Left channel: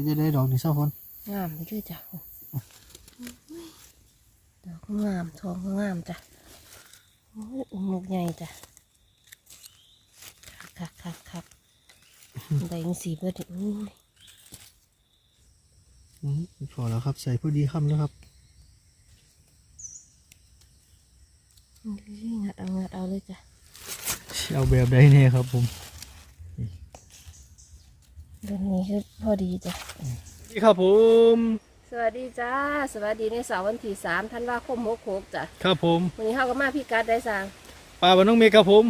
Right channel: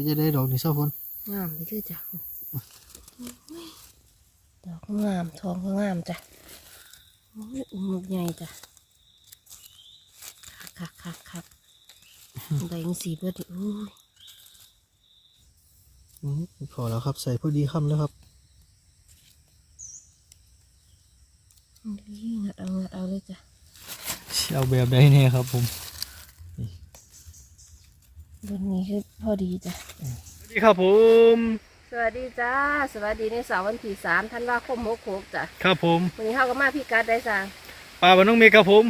ก็จะได้ดอกนี่เศร้าฝนงามไปด้วยจ้ะดอกก็งามทองก็งามจ้ะโอ้ยอุ้มลูกใหญ่จ้ะคักคักคักได้ยังสีเบิดอีกอู้ยอืมพอแล้วครับ ใส่พอดีคำแล้วครับงัดเอางัดเอาเลยจ้ะเอาแบบใดเนี่ยครับผม รื่องนี้คือพอดีจ้ะสวัสดีครับผม สวัสดีจ้า สวัสดีในเสาร์วันที่สามธันวาคมหกหกจ้ะครับผมวันนี้เข้าก็มาพี่กัดได้สร้างปลาบ้านน้องเมฆครับผม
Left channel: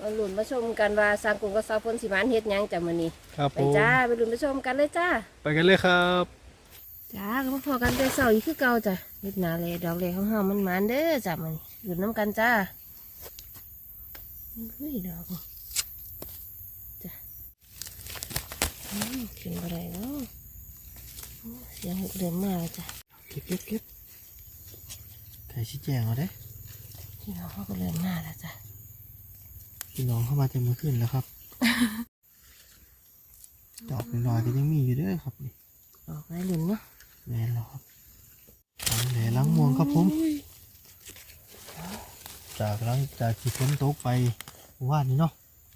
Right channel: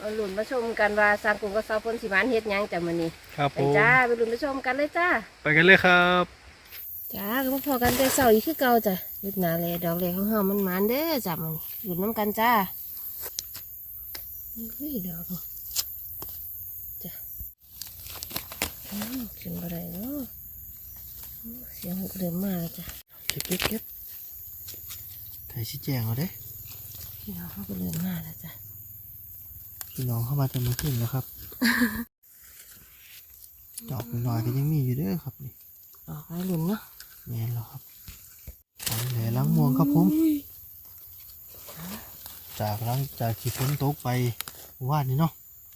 มาหลุนมาชมกันว่าสร้างกลุ่มกับสาวพลสิมานเฮ็ดหยังจ้ะมื้อนี้ครับไปผมจ้าไปหลุนไปชมกันเลยจ้า ไปกันเลยครับ จ้าก็มาพอกันแต่เสาร์อีกคือเก่าจ้ะเฮ็ดหนาเลยดอกเลยของเฮามันหมานเด้อจ้ะมื้อนี้หลุนน้ำกันจ้าอุ้ยดอกนี่จ้ะ อืมขึ้นบ่ได้เนาะโอ้เสียงเริ่มมาแล้วจ้ะเก็บเก็บเก็บไข่ชี้แจงเอาเด้พี่น้องเขาก็เริ่มมาแล้วจ้ะพี่น้องเข้ามาเต็มมือขึ้นแล้วครับดอกน้อยๆก็ยังมีอยู่เด้อครับนี่ออกไปหลุนเนาะแม่นแล้วครับเอาแหล่ล้างม่วงครับผม จากหล้างจากที่ฝนตกไปเมื่อว่านนี้เนาะ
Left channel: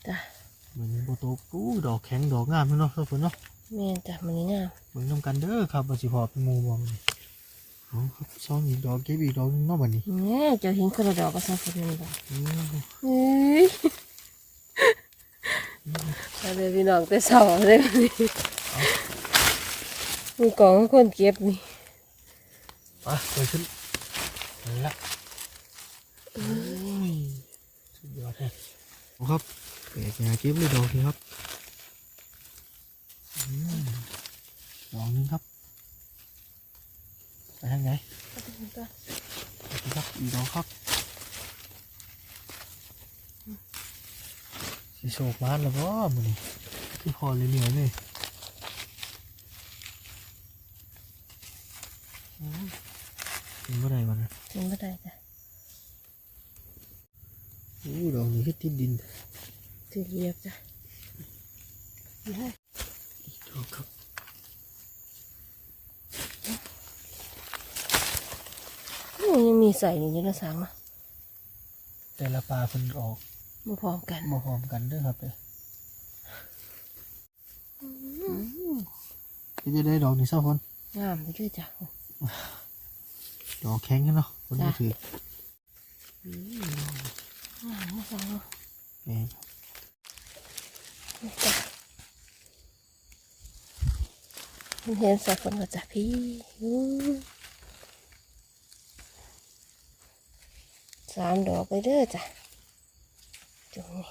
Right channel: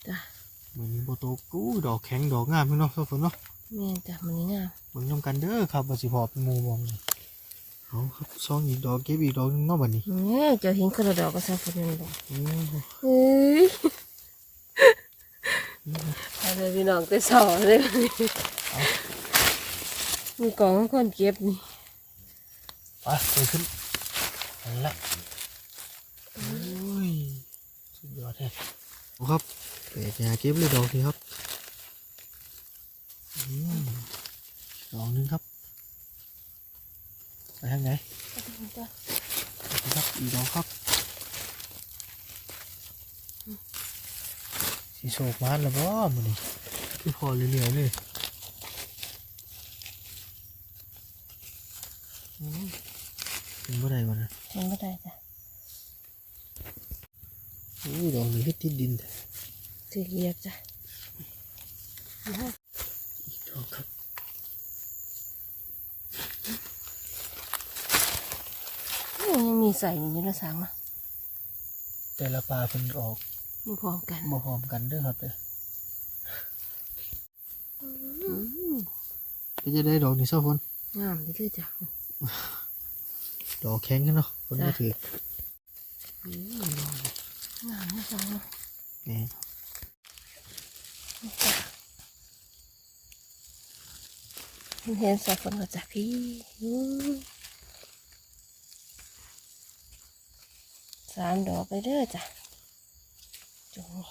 จ้ะเห มือนโบตกอู้ดอกแข็งดอกงามพี่เนาะเจ้าฝนเนาะแม่นจ้ะมันนี้งามเบิ่งน้ำกันเด้อครับว่าสิพอเป็นหมูมองนี่เอาครับซองอีกดอกเก็บอีกดอกหนึงเนาะบัดนี้เนี่ยเจ้าเห็นคนละดอกก็ซาฟุนนี่ดอกโอ้เฮ้ยเอาเลยพี่น้องแต่เสาเลยมีกล่องคนเก็บนี่ไปไปขึ้นนั่นละโอ้ยสุดยอดเลยเอาครับ เปิดยาเก็บเลยดอกนี้ครับอืมดอกหนึงครับไปทางไหนนี่ครับอีกดอ กครับสีโศกมานแล้วว่ามันนี่คือพอเหลือๆเลยโอ้ยเป็นเมื่อไรวะนะเห็นไม่ได้จ้ะโอ้ยดอกนี้ก็ติดดินจะเหยียบจ้ะได้อีกดอกครับเอ้ยยังมีใส่อยู่ในกระสังเนาะแต่ละปลาเพิ่นออกมาพร้อมกันมาพร้อมกันเด้วยครับเด้ออืมก็จะได้ดอกนี้เศร้าคนงามไปด้วยจ้ะดอกแข็งกันเนาะคนมาถืออืมงามนะสองเนาะแม่นครับ เห็นสักคนมาจากพี่อู้สามดอกไปเด้อจ้ะจุงนี่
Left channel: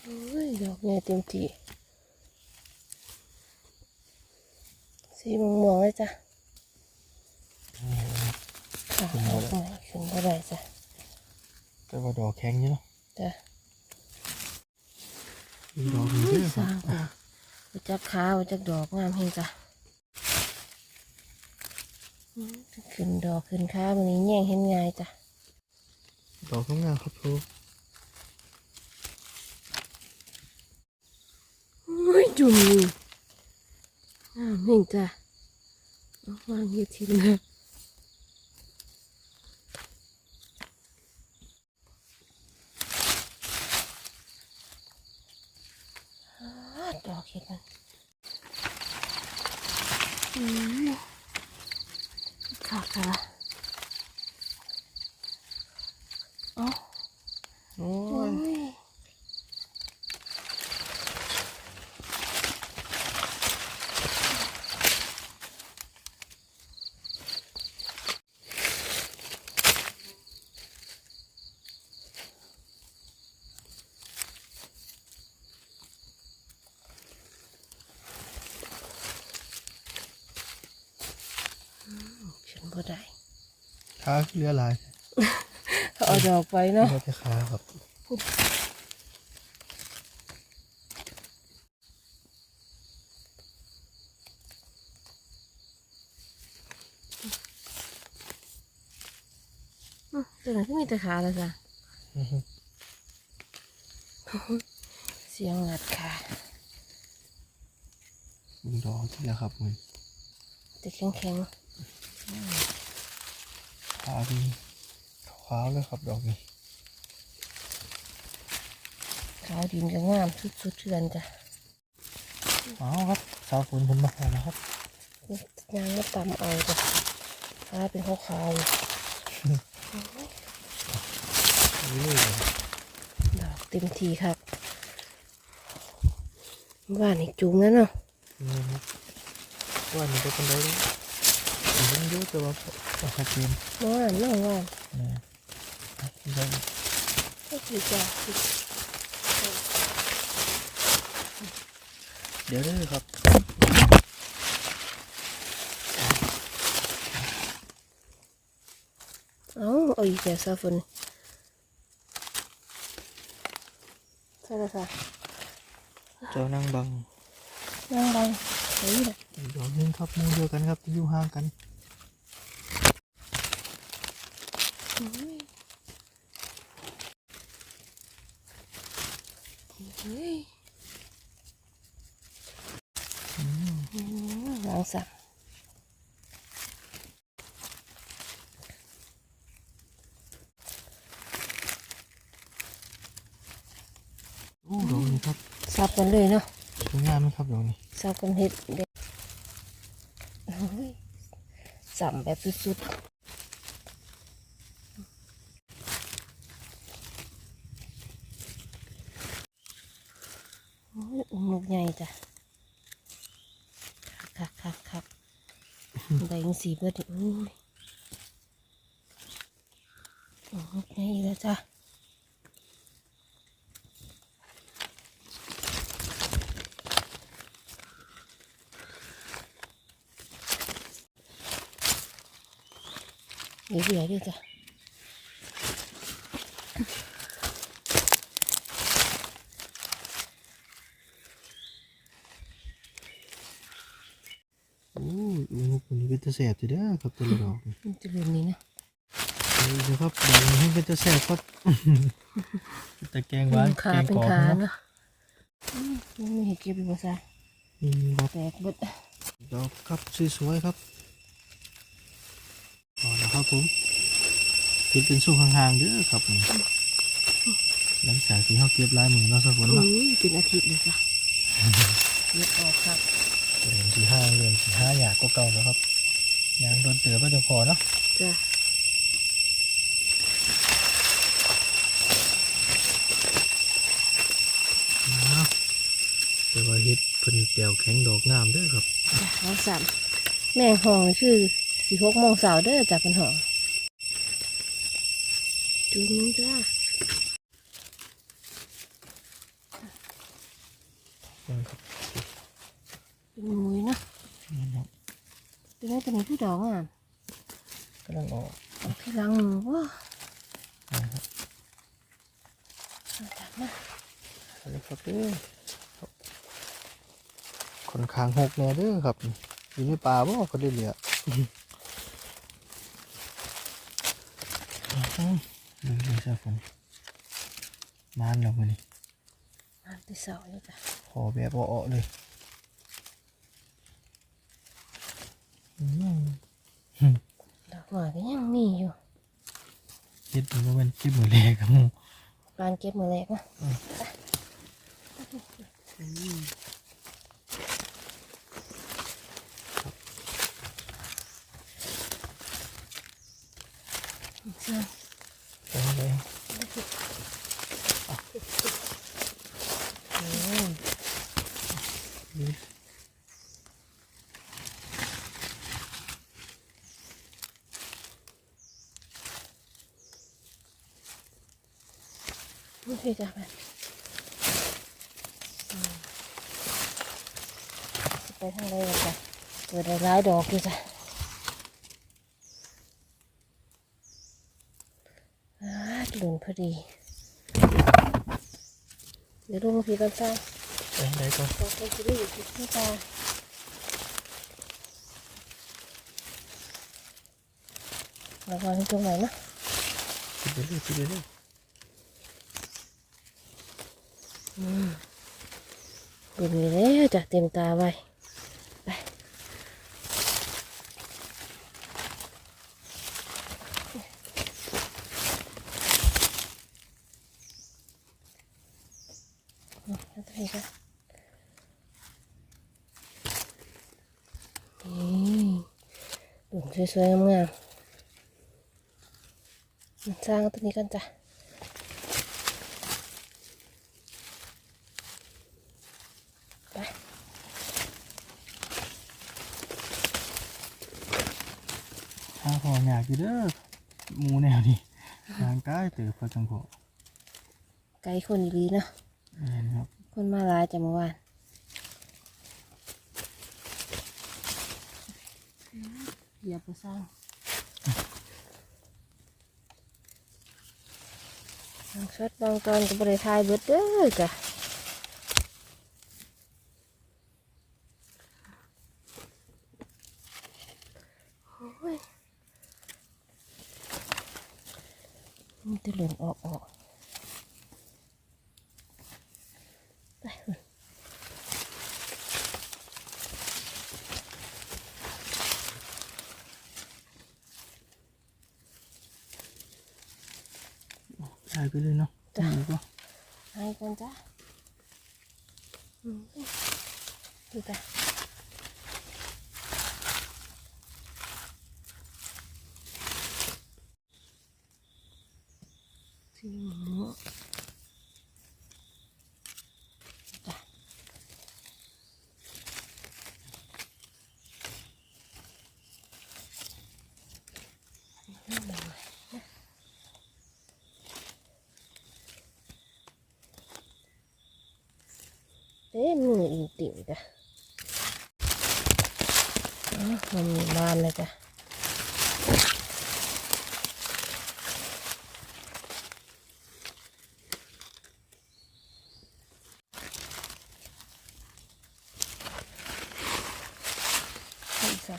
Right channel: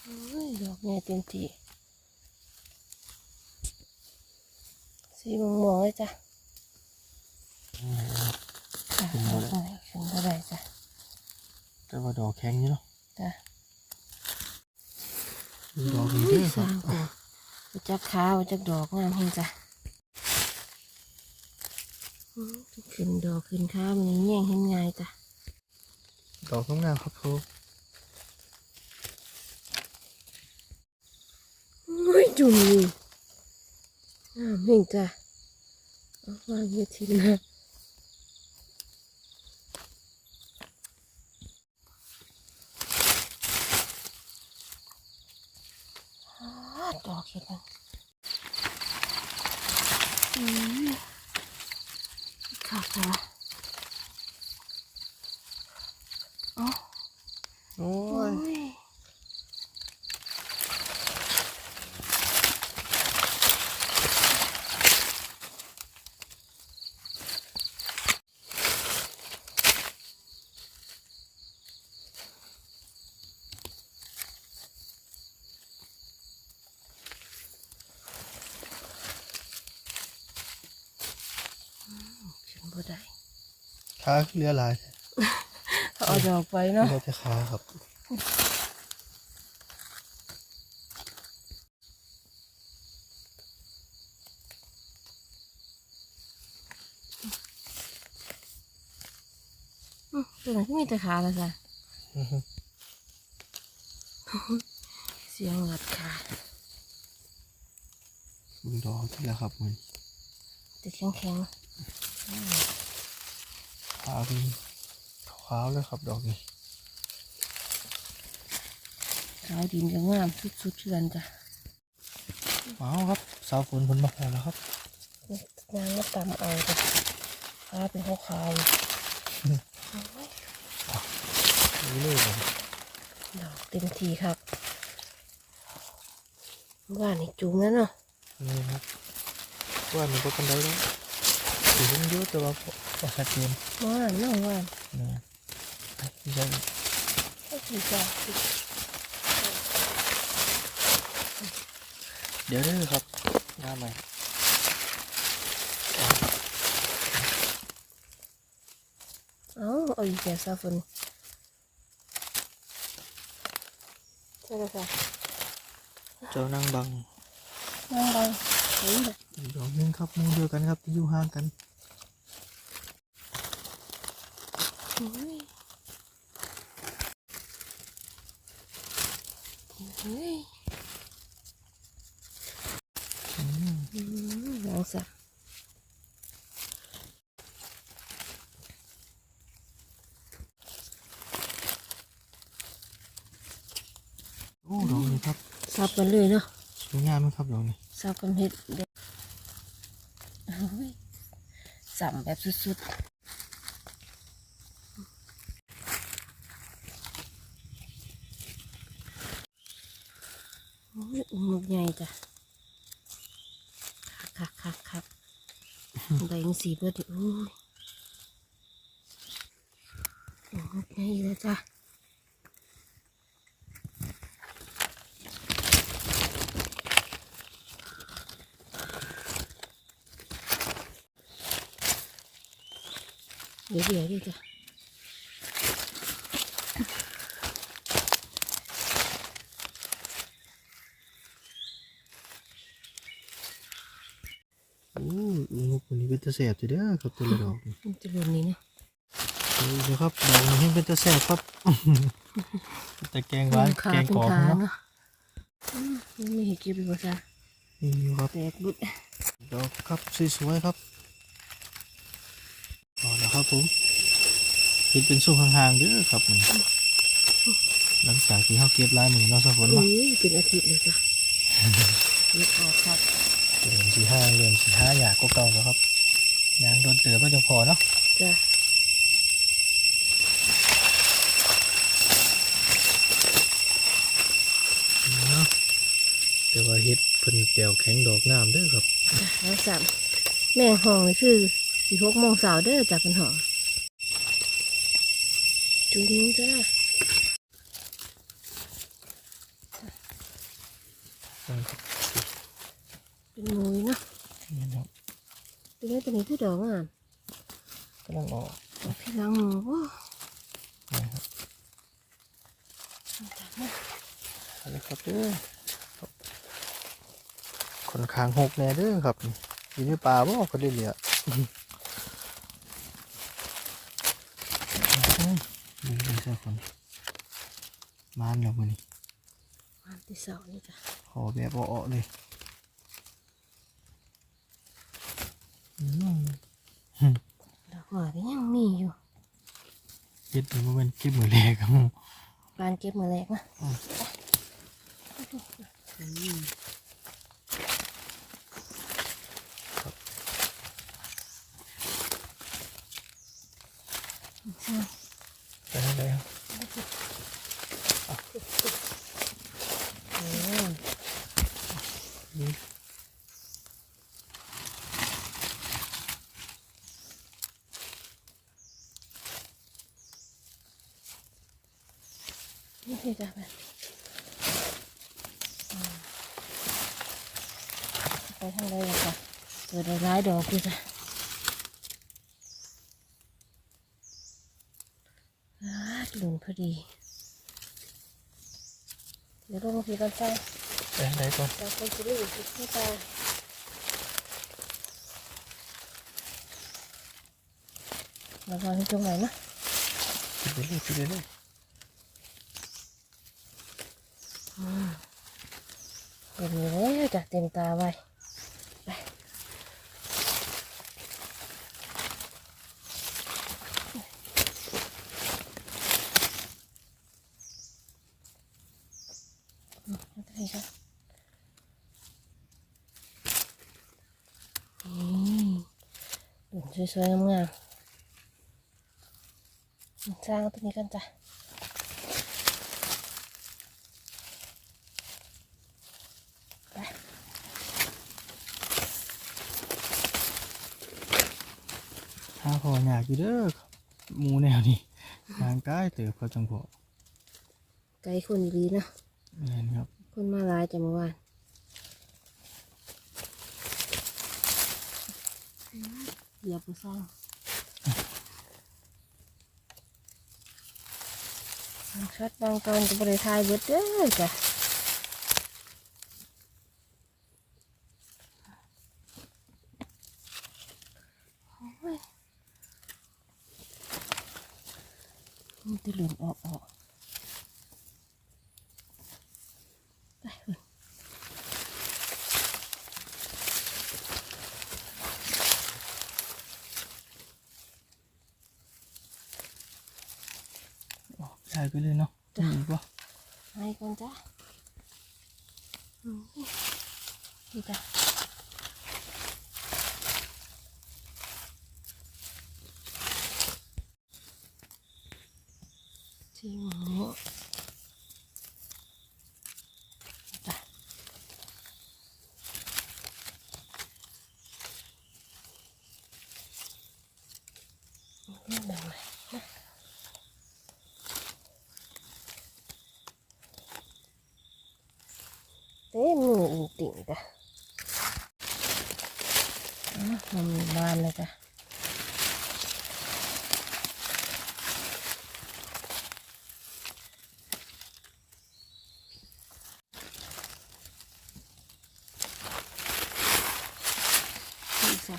โอ้ยดอกเนี่ยเต็มที่สีม่วงๆเลยจ้ะแม่นครับอะขึ้นบ่ได้ขึ้นบ่ได้จ้ะแต่ว่าดอกแข็งอยู่เนาะจ้ะมี ดอกนี้เด้อสครัร้าบงกูมาจากขามาจากดอกงามเฮงจ้ะอืมขึ้นดอกขึ้นขามันนี้แย่งเห็นง่ายจ้ะดอกงามๆครับครูไม่จุ่มนี่อ่าเฮงจ้ะเอาวางเฮ็ดทีนะ ดอกเห็ดมันอืมขาดไปวะเอ้า โอ้ โอ้ ย ย ขึ้นบ่ได้ ขาเหลือหลายเอาดอกไปเนาะเหลือแต่ขาครับอืมตัวไหนที่มีแต่ขาแล้วจ้ะอื้อหือเสียงงัดขาบึงดอกที่แล้วครับมันติดแข็งแข็งขาวเป็นขาวเลยครับดอกนี้ขาวดินจะงามสุดๆเทือนจ้ะเอาครับสาวฝนผลมาหอแล้วครับนางมาตำเอาจ้ะขาวเป็นขาวขาวนี่เลยครับดอกเต็มทีครับว่านี่จุ่มแล้วเนาะนี่ครับว่ามันจะเป็นได้แล้ว เห็นยอะแต่ว่าว่าชัดเจนว่านเนาะว่านนะครับที่จะก็คือจ้ะเดี๋ยวเด้อครับเอ้าเอาอีกแล้วซาฟุนใช่ไหมคะเจ้านางบังนั่งบังเฮ้ยแหละอีกดอกหนึงครับมูเดียวกันครับที่อยู่ห่างกัน โอ้ยเฮ้ย อืม อืม หลังสักโอ้ดอกนี้ครับสับกันเลยเนาะสวยงามไหมครับดอกนี้สับกันเห็ดเด็ดโอ้ยสับแบบสุดๆโอ้ยอุ้งลูกใหญ่จ้ะคักคักคักได้ยิง สีเบิดดิโอ้ยอุ้งลูกใหญ่อีกแล้วจ้ะเดี๋ยวเดี๋ยวดิจ้ะ โอ้ย ลูกคนนี้เป็นตะแสบจะเด้อครับแต่ละดอกนี่มันจะรวมนี้เนาะเดี๋ยวครับดอกนี้ให้เป็นตะแสบครับแต่แกงหวานขาแกงเป็นกรอบขาเนาะเนาะอืมยังไม่เห็นเก็บอีกว่าซะนี่อยู่ครับแตกเบดดอกครับสวยๆครับพอแล้วครับผมเห็นเป็นสู้ห่างๆเด้อครับมันหลังจากที่เขาเก็บลายมือเนาะสักคนโอ้เนาะยเป็นอาทิตย์เลยจ้ะนี่ออกครับเริ่มสีห้างเริ่มสีห้าอยากก็เก่าแล้วครับ ยางโดนเตือก็จะพอเนาะจ้ะนะแต่ว่าเฮ็ดเพิ่นแตวแข็งดอกงามเด้อครับจ้ะแล้วสามแม่งห้องนี่คือสี่หกโมงสาวเด้อจากเป็นห้องจุ้มจ้านั่น เป็นได้ตัวนี้คือดอกอะกำลังออกที่หลังว้านะครับจับมาเอาเลยครับเด้อครับคนคางหกแน่เด้อครับนี่อยู่ในป่าบ่ก็ได้เหลือนี่เลยสักคนมานแล้วมันอันที่สองนี่จ้ะขอแบบอ้อๆเลยอืม ดอกหน่อยก็ยังมีอยู่เฮ็ดมันบ่แม่นเก็บมือแรกครับปานเก็บมาแรกเนาะใช่ไปเลย โอ้นี่คือจะแบบอืมไปทางใดล่ะจ้ะเปิดร้ายๆดอกดีจ้ะอ่าหลุนพอดีเดี๋ยวลงมาพีกันซะไปไหนก่อนแต่คนจะได้อยู่ที่ตาระวังตรงไหนนะคิดไปเลยคิดไปเลย เต็มแล้วจ้ะเต็มตาไว้สวยๆงามสร้างตัวนี้กันจ้ะ ออยากอยู่เด้อหมูแนวนี้ทางใต้เติบเขาจังพอไกลคนดีเนาะแม่นครับ คนมาหลายจังเมื่อวานอย่าไปสร้างชัดบางตอนก็บริทายเบิดเด้อจ้ะโอ้ยมันจะหล่นออกออกไปเถอะ ใช่ ไปเลยเนาะดีกว่าให้กันจ้ะอืมดีจ้ะสีหมูจ้ะนี่มันเลยเต้มืออิงติ่งจ้ะอะมันมีบานเลยจ้ะ นี่จ้ะ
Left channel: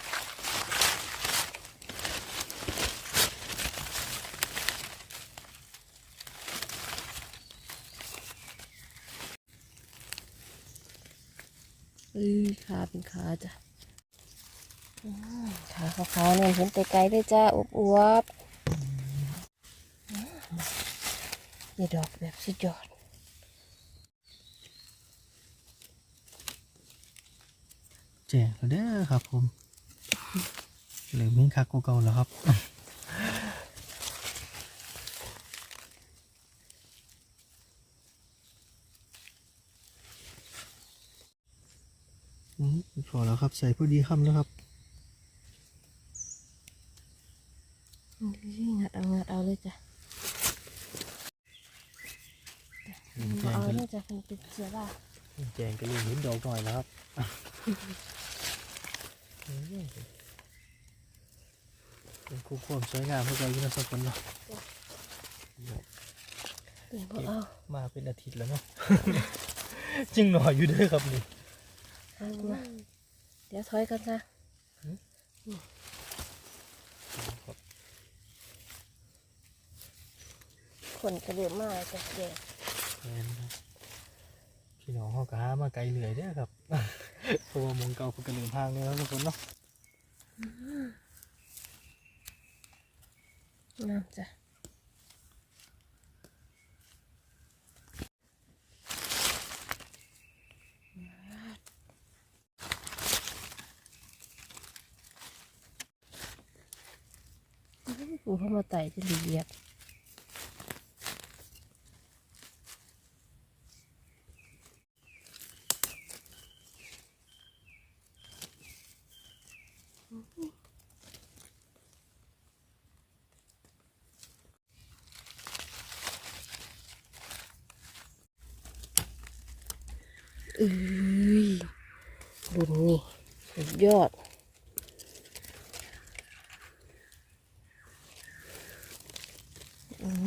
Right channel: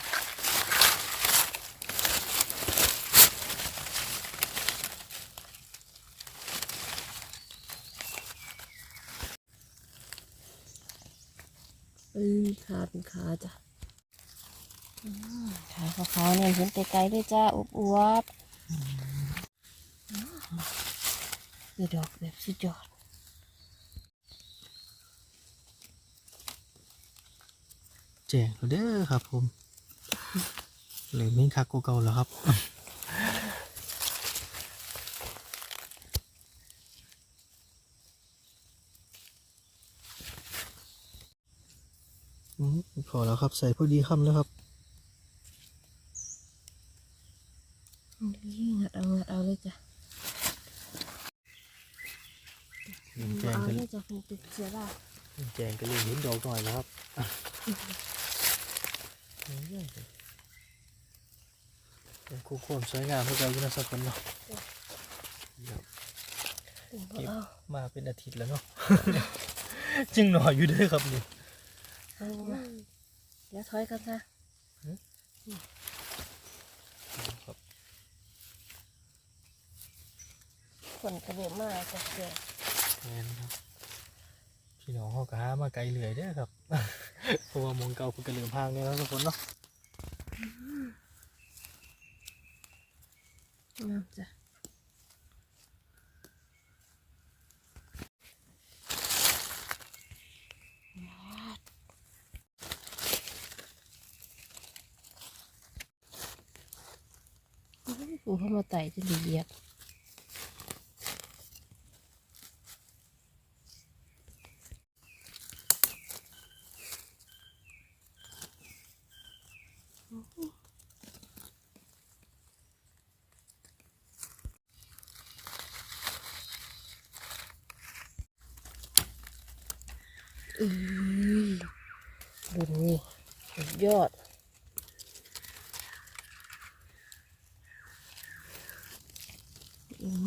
เอ้ยขาเป็นขาจ้ะอืมขาขาวๆเนี่ยเห็นแต่ไกลเลยจ้าอวบอวบๆอืมนี่ดอกแบบสิจอดแจ้งแล้วเด้อครับผม เลยมีคักกว่าเก่าแล้วครับ อืมพ อแล้วครับ ใส่พอดีคำแล้วครับนี่งัดเอางัดเอาเลยจ้ะแจงเอาก็เลยจ้ะเป็นติดเชื้อราแจงก็เลยเห็นดอกหน่อยแล้วครับเป็นคู่ความสวยงามเพื่อเราอยู่นะสักคนเนาะครับถึงบ่เอามาเป็นอาทิตย์แล้วเนาะ จึงหน่อยอยู่เด้วยครับนี่ เอามาเดี๋ยวถอยกันจ้ะครับคนกระเดือมากจ้ะเดี๋ยวแม่นครับพี่น้องเขาก็หามาไกลเหลื่อยเด้อครับ เพราะว่ามองเก่าเพิ่นก็เริ่มห่างแล้วทุกคนเนาะน้ำจ้ะ ปูเข้ามาไต่จะละเอียด เอ้ยดุนนี่สุดยอด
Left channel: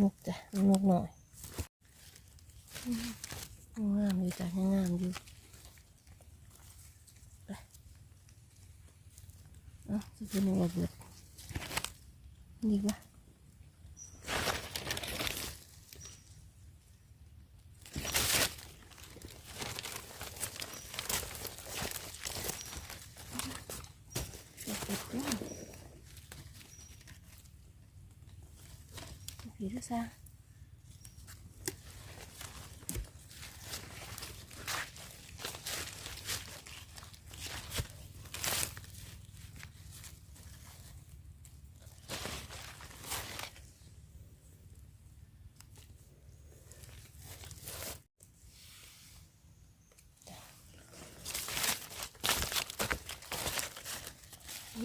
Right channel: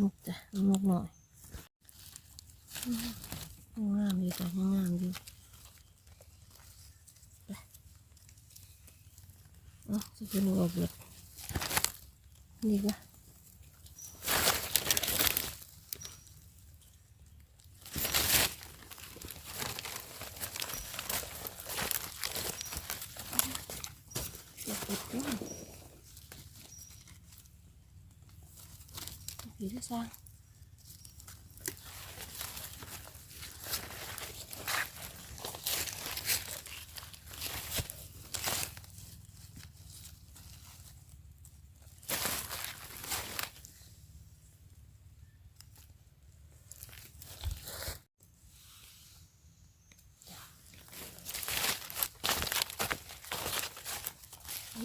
นกจ้ะนกหน่อยอืมงามอยู่จ้ะงามอยู่ไป เอ้าจะเป็นวัวเบิดนี่ปะผีด้วยซ้ำ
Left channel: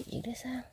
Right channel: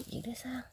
이래서 하나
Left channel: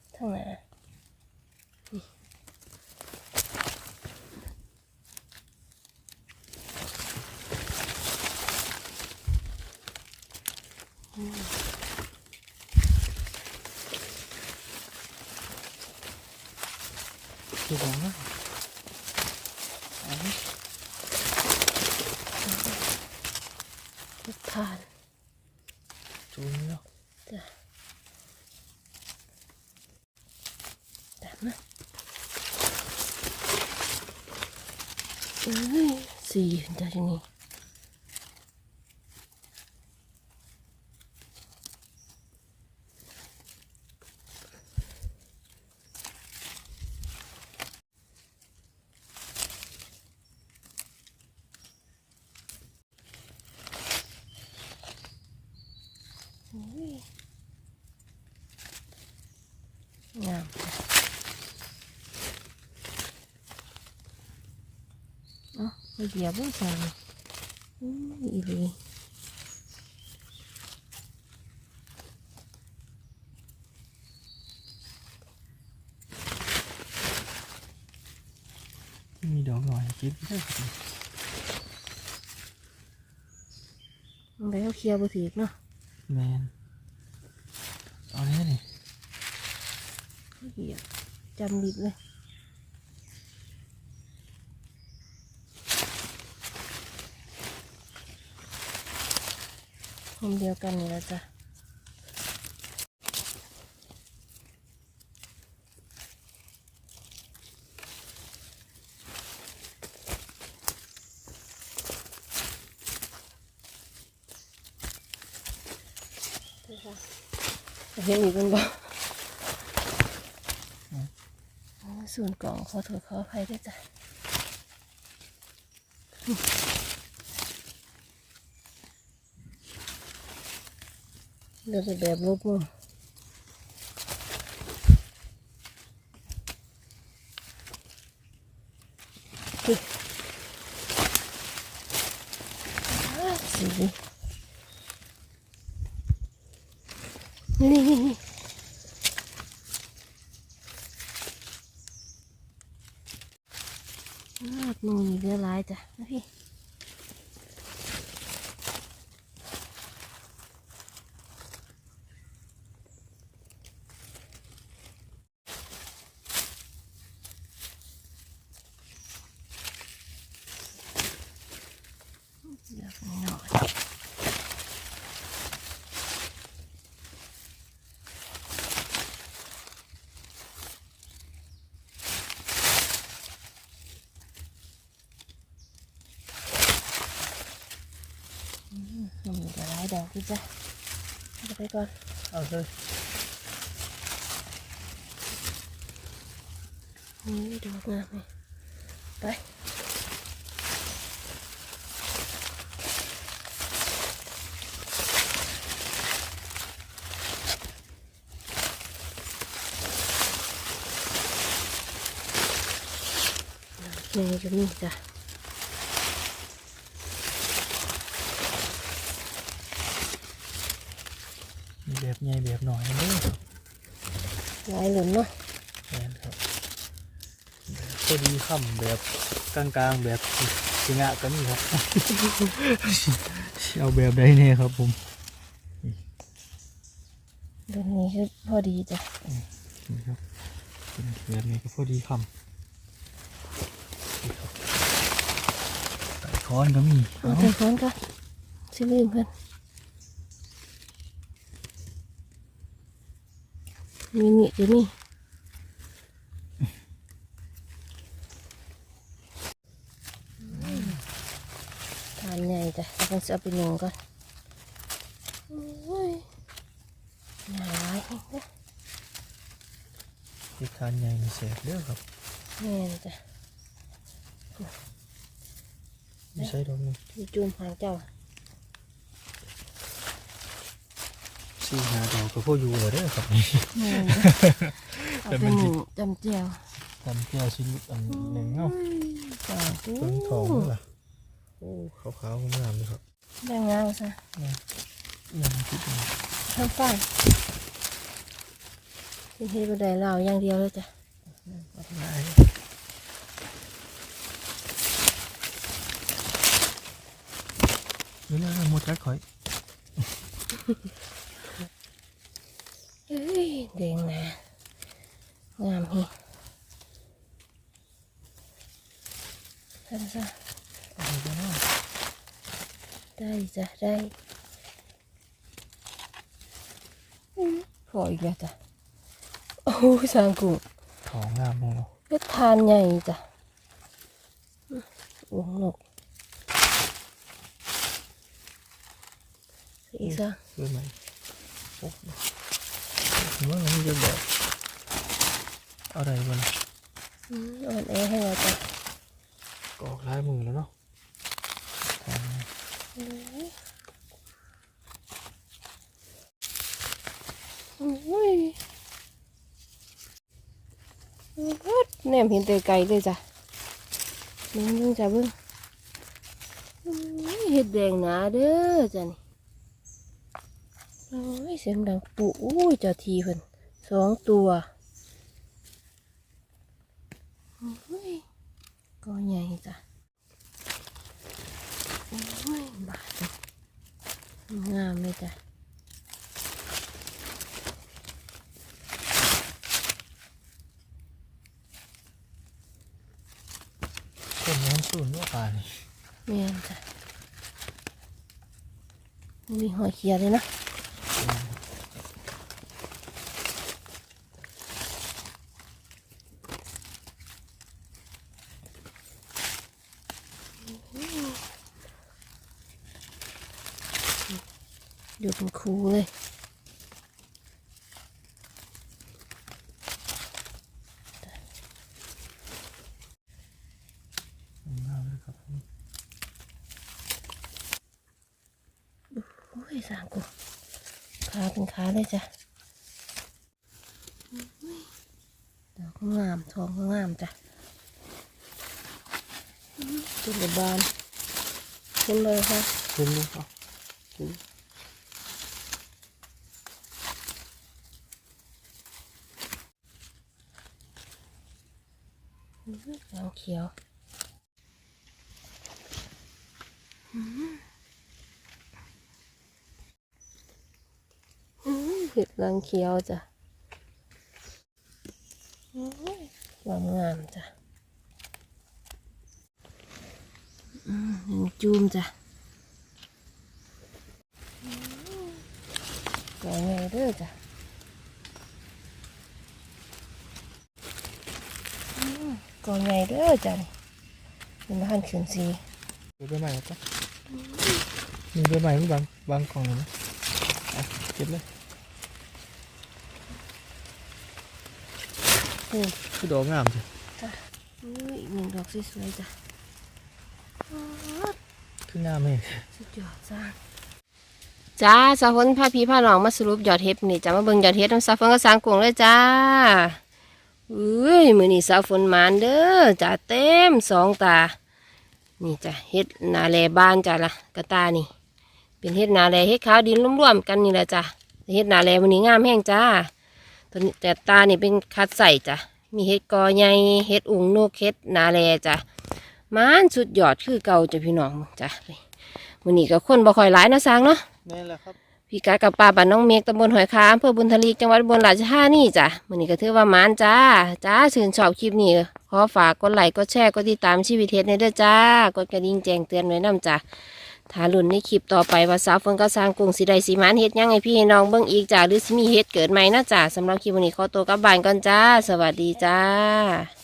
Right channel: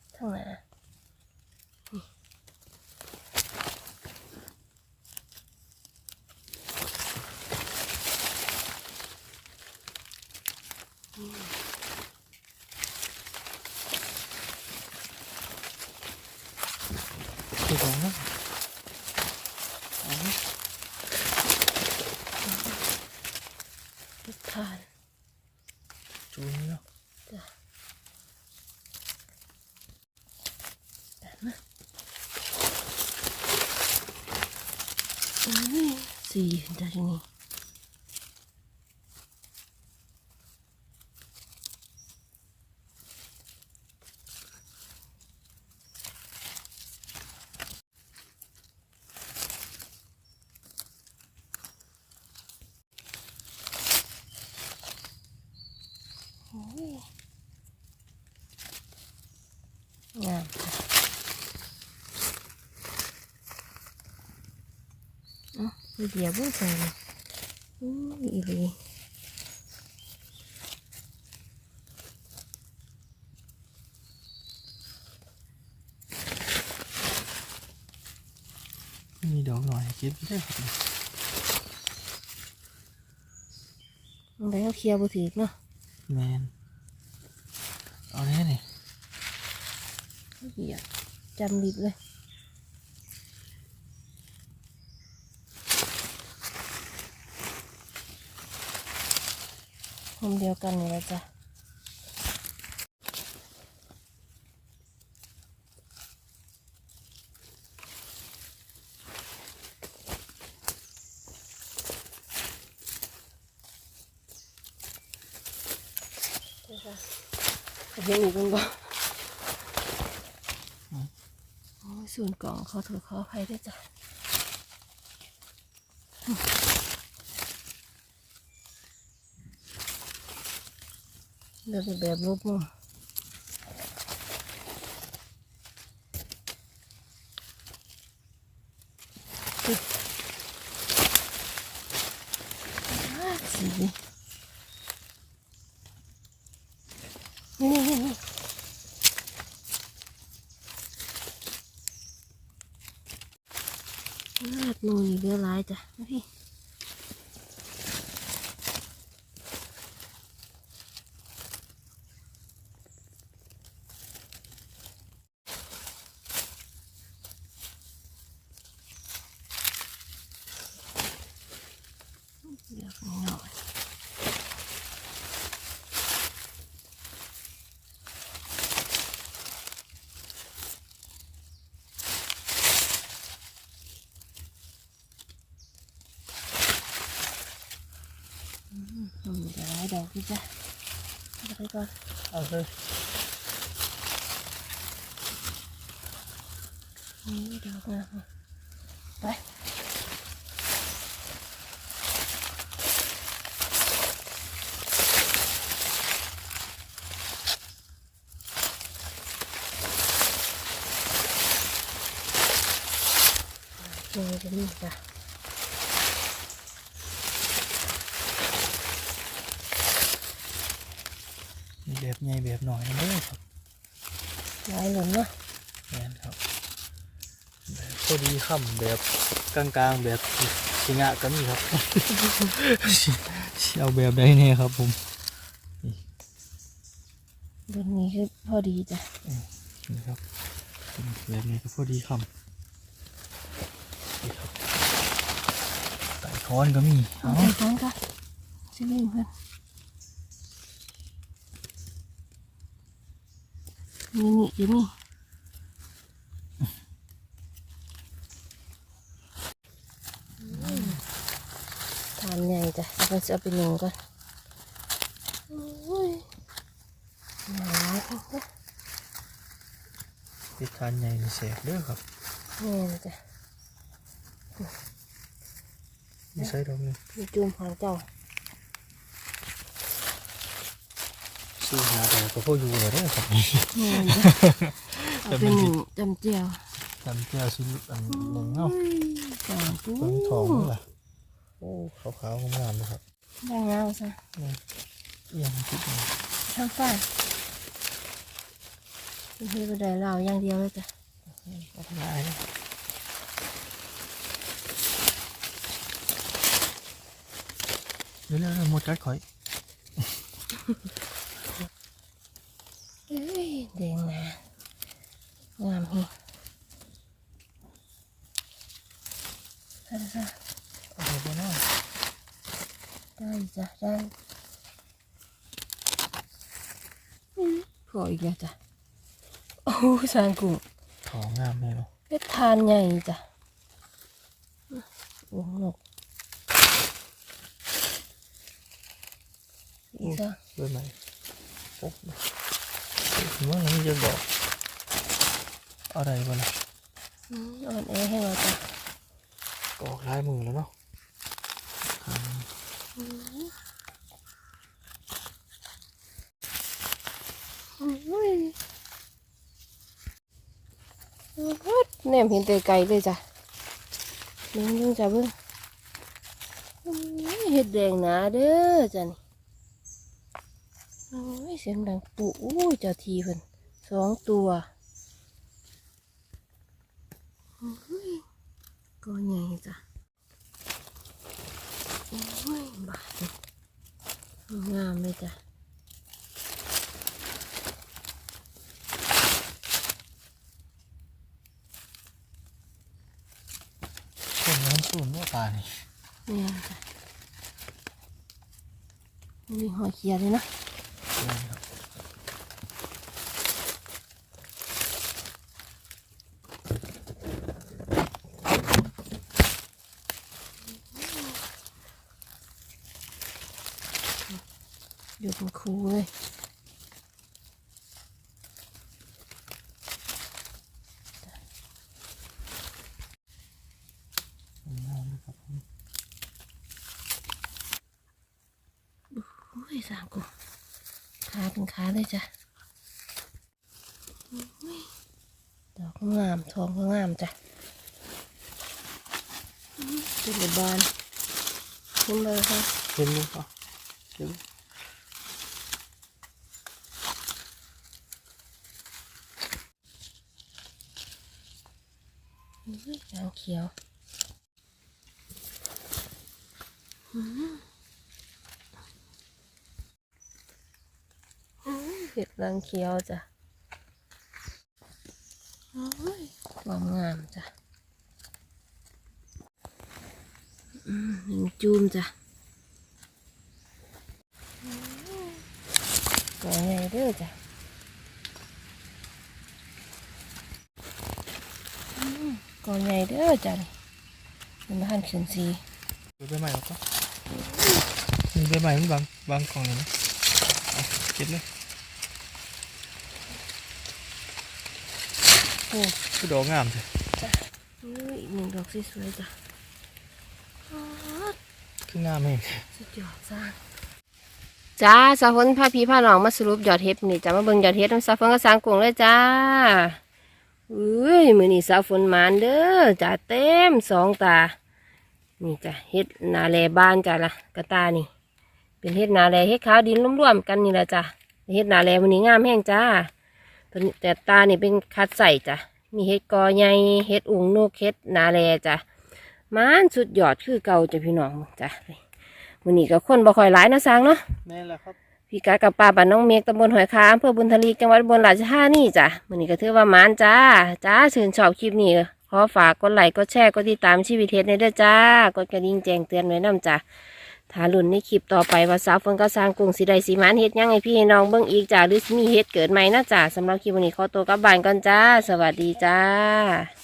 สี่เดียวนี้โอ้ยงามจ้ะ เอ๋อไปเหยียบว่าใส่อู้ยอีหลีมีดอกหน่อยเก็บได้ครับมันไปเขาเคลียร์บ่ถือเนาะแมนเอาแน่นี่เหยียบจำดิบเลย ผมเดียวกันนี่แหละจ้ะเห็นอีกเป็นไงโอ้ยส่วนกล่องเขาถูกเขาใครได้วยจ้ะ เลือกเป็นแบบรูปมุมนี่อ่าสีนี่นี่นี่ลาดนูนี่เรือร้ายจ้ะนะพี่เลือกหน่อย มัน มีแต่หลายดอกพี่จ้ะเอาไปก่อน เอาเลย นี่ดอกงามเลยไปนี่จะมีจ้ะ มีแบบ ใหญ่แบบหน่อยนะเด้อครับไว้หลุมเนาะแมนครับแบบพอดีค่ำแบบกลางๆแบบสิงะก็มีครับ เอาแบบใดเนี่ยครับผมเดือนนี้คือพอดีจ้ะนี่ครับแบบนี้ก็พอดีค่ำนี่ครับไต่ค้อนก็มีเอาเอาไปก่อนก่อนชิลืมเพื่อน นี่นี่เดี๋ยวนี้ทานใหญ่จ้ะเอาไปเอาไปหนึ่งก่อนโอ้ยหนาวจังเลยเฮ็ดทานใหญ่ในแสบเด้อครับแม่นจ้ะไม่ใช่ดอกหนึงมีจุ่มหางเจ้า สู้หาดอกก็พออยู่เลยเด้อครับแม่เอาไปหนึ่งจำเจียวจำเจ้าชิ้นอันหนึ่งเนาะกลางตู้เพิ่งทองนี่ล่ะโอ้ขาวๆงามๆเลยครับได้งามซะนี่ยังคิดอยู่ข้างใต้เฮ็ดบ่ได้แล้วอย่างเดียวเลยจ้ะวัดง่ายเรื่อยๆหมดกัดข่อยเอ้ย แดงหนางามฮีท่านซะเอาไปเนาะได้จ้ะได้อื้อพออีกแล้วจ้ะโอ้สางกุ้งของงามเลยเนาะเฮ็ดทานใหญ่จ้ะหลงนกสีซะด้วยไหมโอ้เมื่อนี้จะดอก อะไรบ้างล่ะอืมอ่อนแอให้เราจ้ะออกลายมือแล้วเนาะอุ้ยอื้อแนมเห็นแต่ไกลเลยจ้ะเบิ่งเบิ่งจ้ะเบิ่งอื้อเห็ดแดงหนาเด้อจ้ะนี่ โอ้ยเสียงดังปุ๊อุ้ยเจ้าทีเพิ่นสองตัวอุ้ยตัวใหญ่จ้ะโอ้ยบาดนี่งามเลยจ้ะคนน้ำสูนว่าป่านี่แม่นจ้ะมีหัวเขียดเลยนะ อยู่เป็นครูเลยงามเลยครับผมโอ้ยสามกู ขาเป็นขาเลยจ้ะอุ้ยดอกก็งามทองก็งามจ้ะจุดบานขึ้นเลยค่ะเห็นไหมครับเห็นอื้อหางเขียวอื้ออื้อ เห็ดหางเขียวจ้ะโอ้ยความงามจ้ะอืมหนึ่งจูมจ้ะก่อนไงเด้อจ้ะอืมก่อนไงเด้อจ้ะนี่เป็นบ้านเขียนสีดูใบใหม่หรอปะมีใบใหม่มันบางบางกล่องเลยไหมเอาเก็บเลย อ้คือดอกงามเลยอุ้ยอีกหนึ่งดอกสวยๆจ้ะอ๋อคืองามเองสุดยอดจ้าจ้าสาวฝนพาพี่พาน้องมาสรุปยอดเห็ดนี่จะมาเบิ่งยอดเห็ดน้ำสาวฝนก็สร้างกลุ่งเลยจ้าเอ้ยมือนี่สาวฝนหมานเด้อจ้าเต็มสองตา นี่จ้ะเห็ดนาแลบานจ้ะละกระตานี่ เป็นเห็ดนาแลเห็ดขาวดินร่วมๆกันนี่แหละจ้ะเห็ดนาแลวันนี้งามแห้งจ้า ตัวนี้แต่ตานี่เป็นคัดใส่จ้ะ มีเห็ดกอใหญ่เห็ดอุงนกเห็ดนาแลจ้ะมานสุดยอดคือเก่าจ้ะพี่น้องจ้ะมื้อนี้ก็คนบ่ค่อยหลายเนาะสร้างเนาะนี่แหละครับพี่กากับป้าบ้านน้องเมฆตำบลหอยคาอำเภอบุญทลีจังหวัดอุบนราชธานีจ้ะมื้อนี้ก็ถือว่ามานจ้าจ้าชื่นชอบคลิปนี้ขอฝากกดไลค์กดแชร์กดติดตามชีวิตเฮ็ดในเด้อจ้ากดกระดิ่งแจ้งเตือนไว้นํจ้ะ ถ้าลุ่นในคลิปต่อไปว่าสาวเฟิงก็สร้างกรุงสีใดสีมันเฮ็ดยังไงพี่น้องเบิ้งอีกจ้าหรือสิมีเฮ็ดเกิดไหมนะจ้าสำหรับคลิปวันนี้ขอตัวกลับบ้านก่อนจ้า สวัสดีจ้า